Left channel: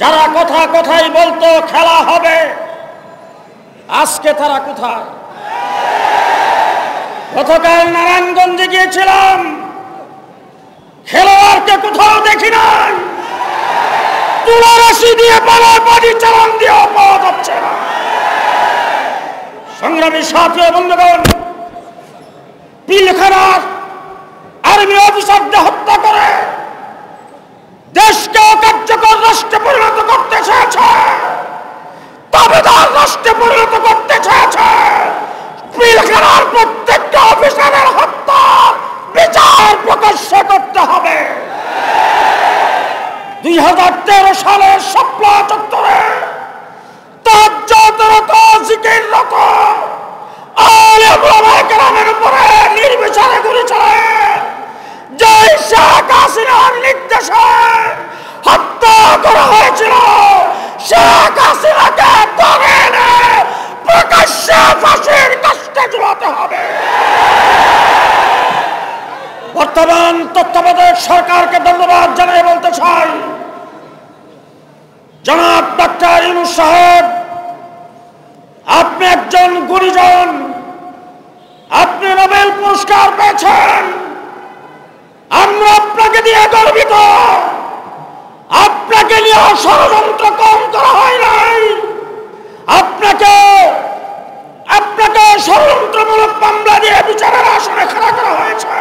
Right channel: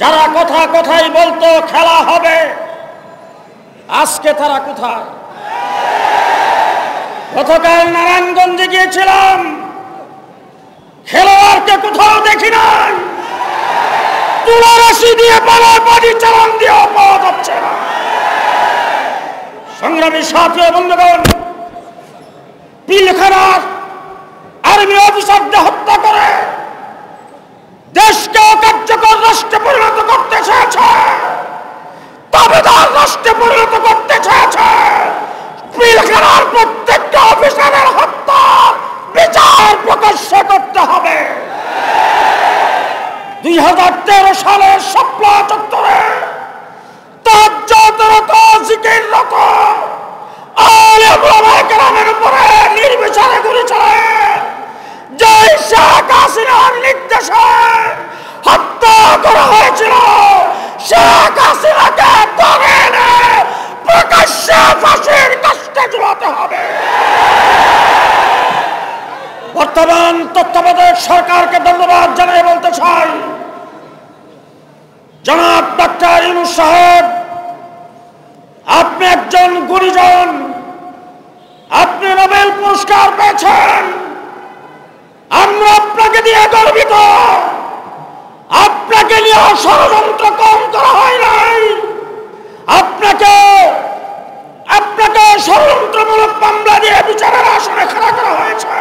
যারা কথা কথাই বলতো খেলা হবে, আজকে তারা কোথায়? গতকাল নারায়ণগঞ্জে গিয়েছিলাম, খেলোয়াড়কে কোথাও দেখি নাই। তুলারাশি দিয়ে বাজি চালান দিয়েও পাওয়া যাচ্ছে না। সংগ্রামী সাথী ও বন্ধুগণ, পিলখানার আর্মি অফিসারদের হত্যা করে দেশকে কার্যকর রাষ্ট্রে পরিণত করতে চেয়েছে, দাবিদার রাষ্ট্রে পরিণত করতে চেয়েছে। পিলখানার প্রত্যেকটা অফিসারের হত্যা বিচার প্রকাশ্যে করতে হবে। 2013 সালের শাপলা চত্বরে তাজ্জাতরত জিকিররত আলেম ওলামায়ে কেরামের উপরে নির্বিচারে গুলি চালায় যে শেখ হাসিনার নির্দেশে হত্যা করা হয়েছিল, শেখ হাসিনাকে ধরে এনে প্রকাশ্যে ফাঁসির কাস্টে ঝুলাতে হবে। বর্তমান তত্ত্বাবধায়ক সরকারকে ধন্যবাদ জানিয়ে বলতে চাই, জনাব ডক্টর ইউনূস সাহেব, আপনি একজন গুণীজন, আপনি নোবেল পুরস্কার পেয়েছেন, আমরা আপনাকে দিয়ে গর্বিত। আপনাকে নিয়ে ষড়যন্ত্র কম করা হয় নাই, আপনাকে ষড়যন্ত্রমূলক মামলা দিয়ে বিচারের আসনে খাড়া করা হয়েছে।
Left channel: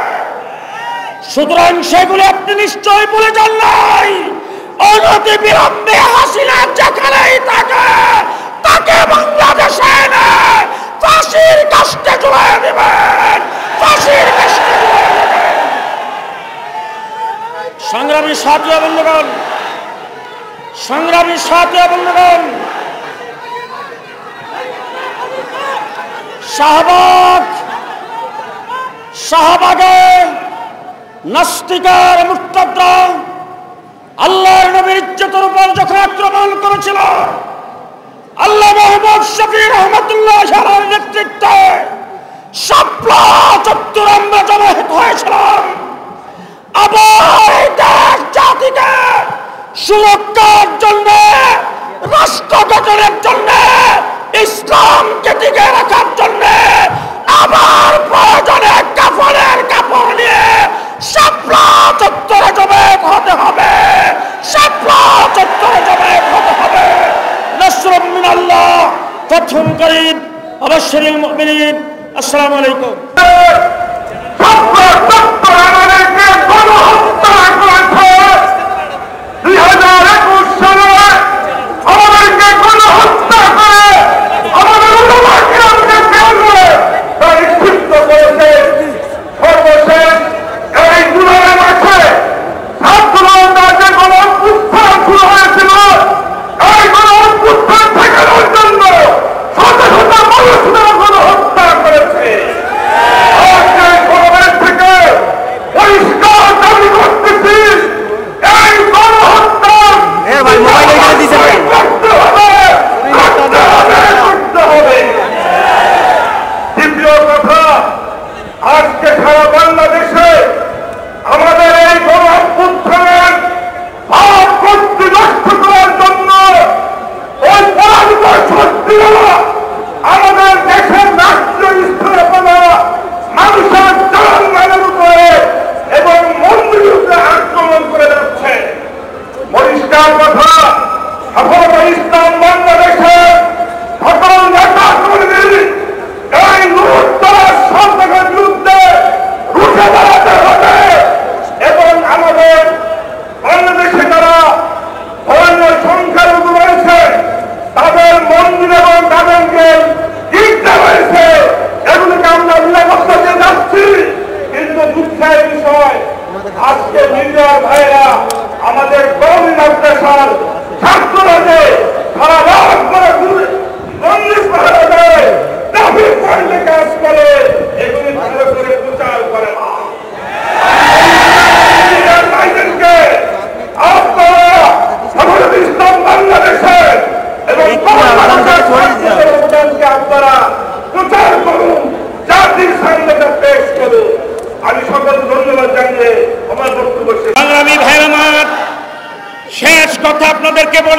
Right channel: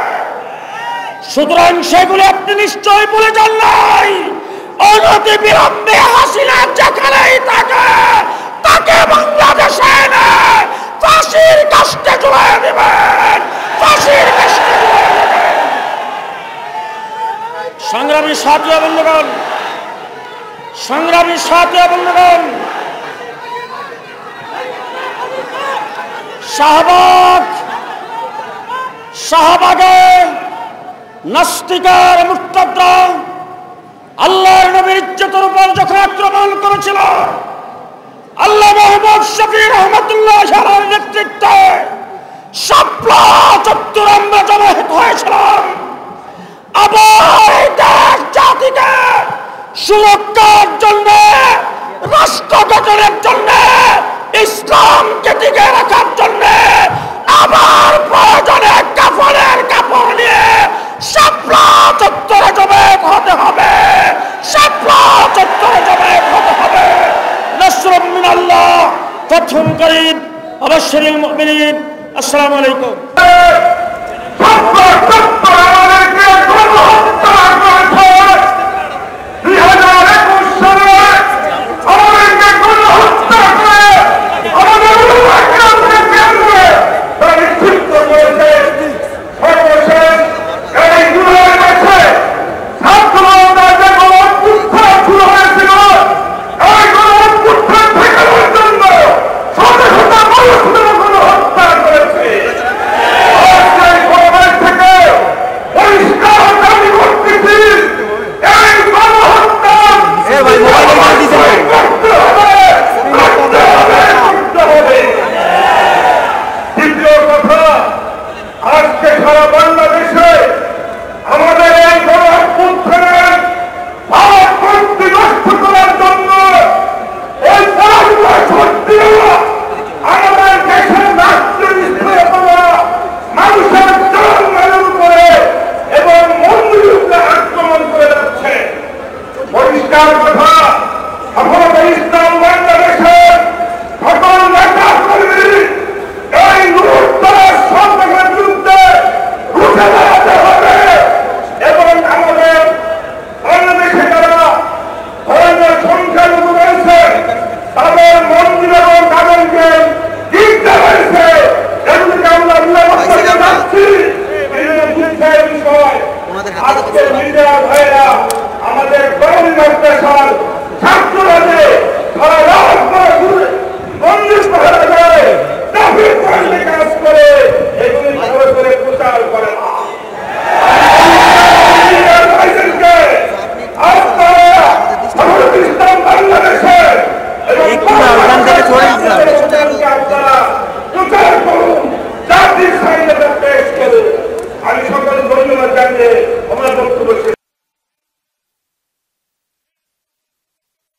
সুতরাং সেগুলি আপনি নিশ্চয়ই ভুলে যান নাই। অনতি বিলম্বে হাসিনা যেখানেই থাকে তাকে বাংলাদেশে এনে ফাঁসির কাস্টে ঝুলিয়ে দেবেন, ফাঁসির কাস্টে ঝুলিয়ে দেবেন। সংগ্রামী সাথী ও বন্ধুগণ, সংগ্রামী সাথী ও বন্ধুগণ, শাহবাগে নাস্তিকার মুরতাদরা আল্লাহর নবীর ইজ্জতের উপর যখন আক্রমণ করেছিল, আল্লাহ মোহাম্মদ শফি রহমাতুল্লাহ আলাইহির নেতৃত্বে শাপলা চত্বরে আমরা জমায়েত হয়েছিলাম। আবার দেশ জাতিকে সুরক্ষার জন্য, রাষ্ট্র গঠনের জন্য, ইসলামকে টিকে রাখার জন্য আবার প্রয়োজনে কাফনের কাপড় নিয়ে শাপলা চত্বরে জমায়েত হতে হবে, শাপলা চত্বরে জমায়েত হতে হবে। নাসরুম মিনাল্লাহ, ফাতহুন করিম, ওয়াবাশশিরিল মুমিনিন। আসসালামু আলাইকুম।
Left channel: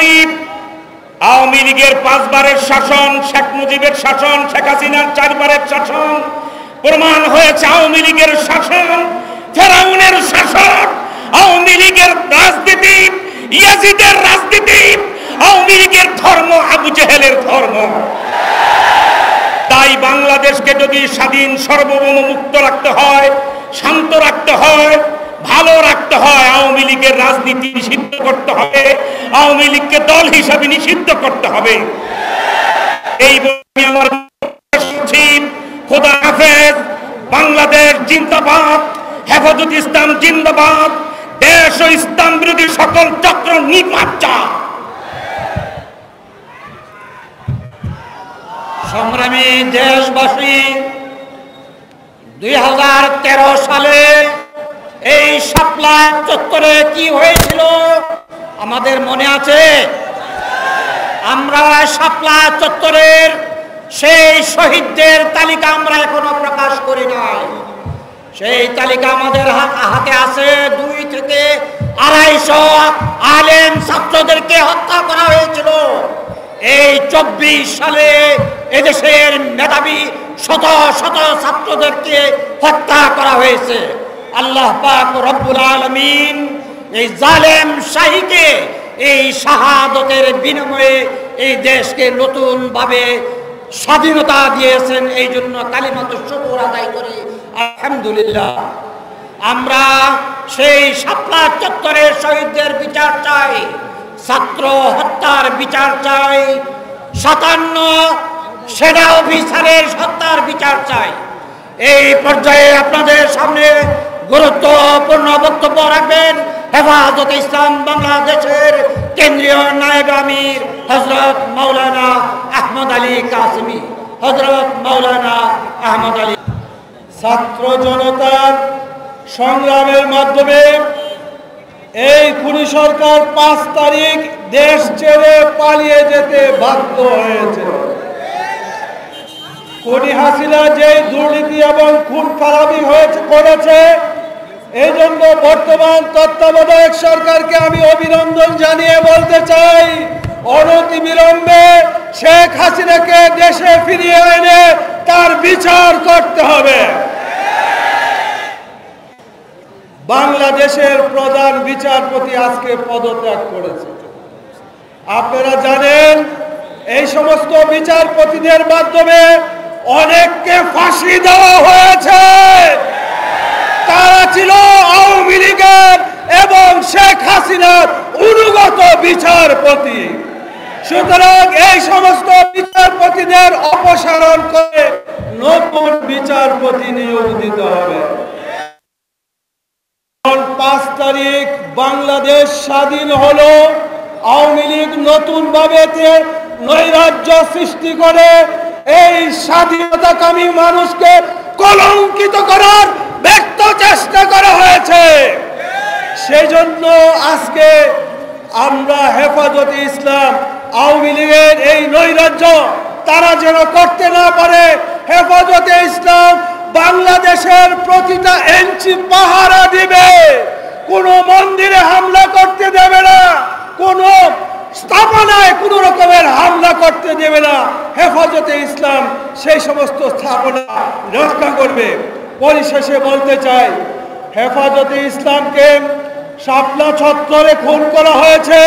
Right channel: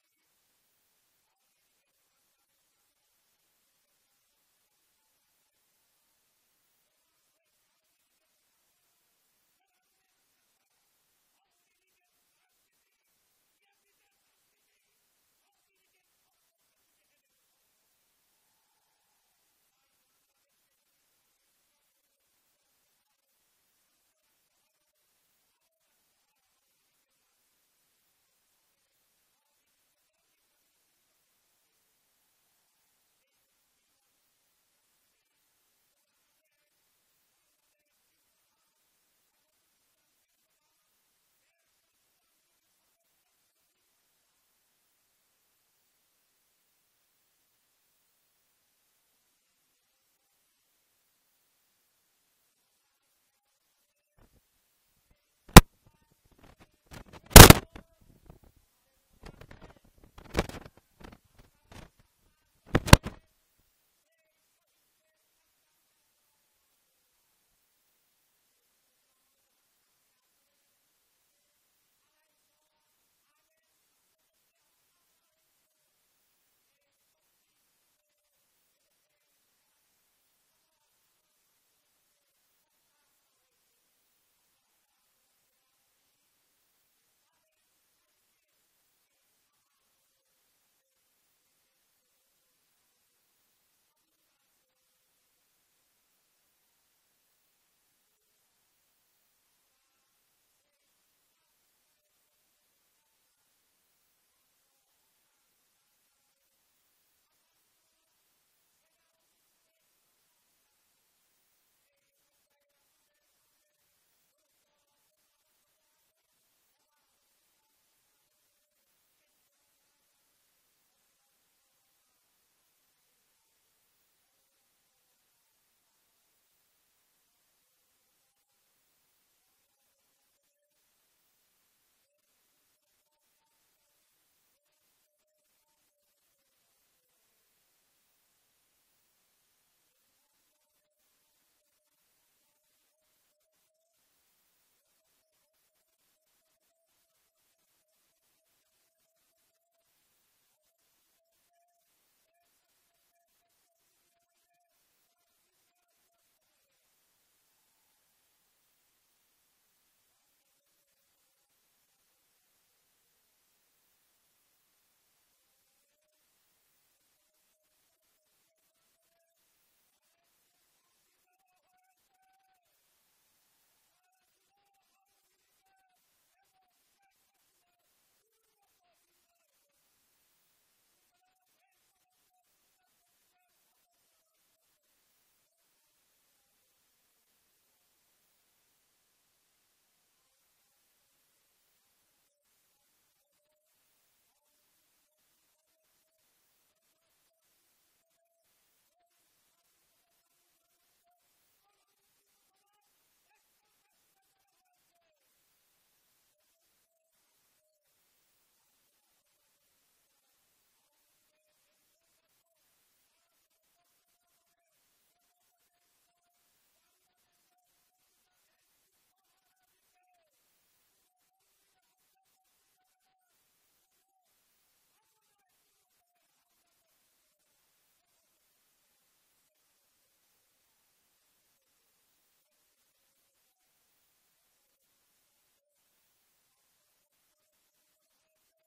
বলি, আওয়ামী লীগের 5 বারের শাসন, শেখ মুজিবের শাসন, শেখ হাসিনার 4 বারের শাসন প্রমাণ হয়েছে আওয়ামী লীগের শাসন ফেরাউনের শাসন। আওয়ামী লীগের রাজনীতি ইয়াজিদের রাজনীতি, আওয়ামী লীগের ধর্ম আবু জেহেলের ধর্ম। তাই বাংলাদেশকে যদি স্বাধীন, সার্বভৌম, মুক্ত রাখতে হয়, শান্ত রাখতে হয়, ভালো রাখতে হয়, আওয়ামী লীগের রাজনীতি নিষিদ্ধ করতে হবে, আওয়ামী লীগকে দল হিসাবে নিষিদ্ধ করতে হবে। এই বলে আমার খোদা হাফেজ। বাংলাদেশ জিন্দাবাদ, হেফাজত ইসলাম জিন্দাবাদ, দেশ ও ইসলাম বিরোধী সকল চক্র নিপাত। সংগ্রামী দেশবাসী, 2013 সালে এই শাপলা চত্বরে কি হয়েছিল আমাদের মনে আছে? আমরা শাপলা চত্বরের সেই শহীদদের তালিকা আমরা এখনো প্রকাশ করি নাই। সেই তালিকা আমাদের হাতে আছে। 2 থেকে 250 আলেম ছাত্রদেরকে হত্যা করা হয়েছিল। এই 24 সালে এদেশের মেধাবী শত শত ছাত্রদেরকে হত্যা করা হয়েছে। আল্লাহ পাক রব্বুল আলামিন এই জালেম শাহীকে এই শাহাদতের বিনিময়ে এই দেশকে নতুন ভাবে স্বাধীনতা দিয়েছেন। এই জন্য কালিমাতুশ শুকর আদায় করি আলহামদুলিল্লাহ। আমরা সেই শাপলা চত্বরের শহীদদের বিচার চাই, ছাত্র হত্যার বিচার চাই, 57 সেনা অফিসারের হত্যার বিচার চাই। এই পর্যায়ে আপনাদের সামনে গুরুত্বপূর্ণ বক্তব্য রাখবেন হেফাজতে ইসলাম বাংলাদেশের কেন্দ্রীয় নায়েব আমির হযরত মাওলানা আহমদ আলী কাসেমী। হযরত মাওলানা আহমদ আলী। ছাত্র জনতার সংগ্রামের মাধ্যমে এই খুনি সরকার 5 তারিখ দেশ ছেড়ে পালিয়ে যেতে বাধ্য হয়েছে। খুনি হাসিনা যে দুর্নীতি এবং খুন খারাপি করেছে, এই জন্য বর্তমান তত্ত্বাবধায়ক সরকারকে আমি অভিনন্দন জানিয়ে বলতে চাই, অনতিবিলম্বে শেখ হাসিনাকে দেশে ফিরিয়ে এনে তার বিচার করতে হবে। বাংলাদেশের প্রধান বিচারপতি আজকে পদত্যাগ করেছে। আপনারা জানেন এই সমস্ত বিচারপতিদের মাধ্যমে অনেককে ফাঁসি দেওয়া হয়েছে। তারা ছিল আওয়ামী লীগের এবং শেখ হাসিনার অনুগত বিচারপতি। সুতরাং এই সমস্ত বিচারপতিদের অপসারণ করে নতুন বিচারপতি নিয়োগ দিতে হবে। 5 তারিখ বাংলাদেশ স্বাধীন হলো, আওয়ামী লীগ নতুন ভাবে নৈরাজ্য সৃষ্টি করে এই স্বাধীনতাকামী মানুষকে কলঙ্কিত করার ব্যর্থ চেষ্টা করা হয়েছে। সেই জন্য আজকে আমরা হেফাজতে ইসলাম আওয়ামী লীগের এই নৈরাজ্য তারা যেন করতে না পারে, হেফাজতে ইসলাম বাংলাদেশের প্রতিটা ইঞ্চি পাহারা দিবে। কোনো মন্দিরে হামলা করতে দেবে না, কোনো স্থাপনায় কোনো রকমের হামলা করতে দেবে না। হেফাজতে ইসলাম সেই সমস্ত স্থাপনা রক্ষা করবে। পরিশেষে বলতে চাই, হেফাজতে ইসলামকে শাপলা চত্বরে খুন করা হয়েছে।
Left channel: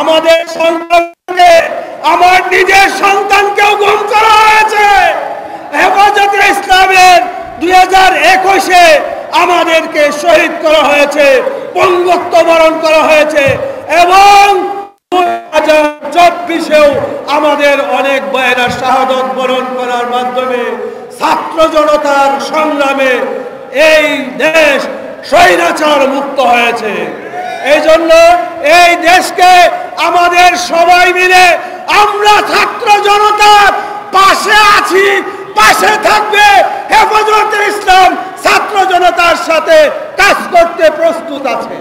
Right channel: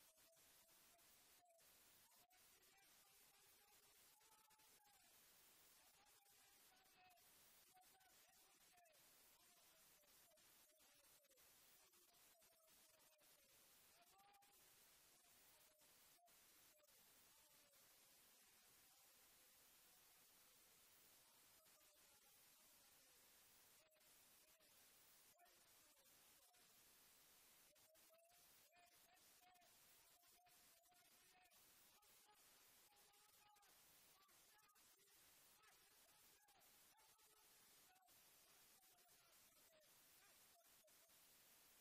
আমাদের সন্তানকে, আমার নিজের সন্তানকেও গুম করা হয়েছে। হেফাজতে ইসলামের 2021-এ আমাদেরকে শহীদ করা হয়েছে, পঙ্গত্ব বরণ করা হয়েছে এবং 2024-এও আমাদের অনেক ভাইয়েরা শাহাদত বরণ করার মাধ্যমে ছাত্র জনতার সংগ্রামে এই দেশ স্বৈরাচার মুক্ত হয়েছে। এই জন্য এই দেশকে আমাদের সবাই মিলে আমরা ছাত্র জনতার পাশে আছি, পাশে থাকবে। হেফাজতে ইসলাম ছাত্র জনতার সাথে কাজ করতে প্রস্তুত আছে।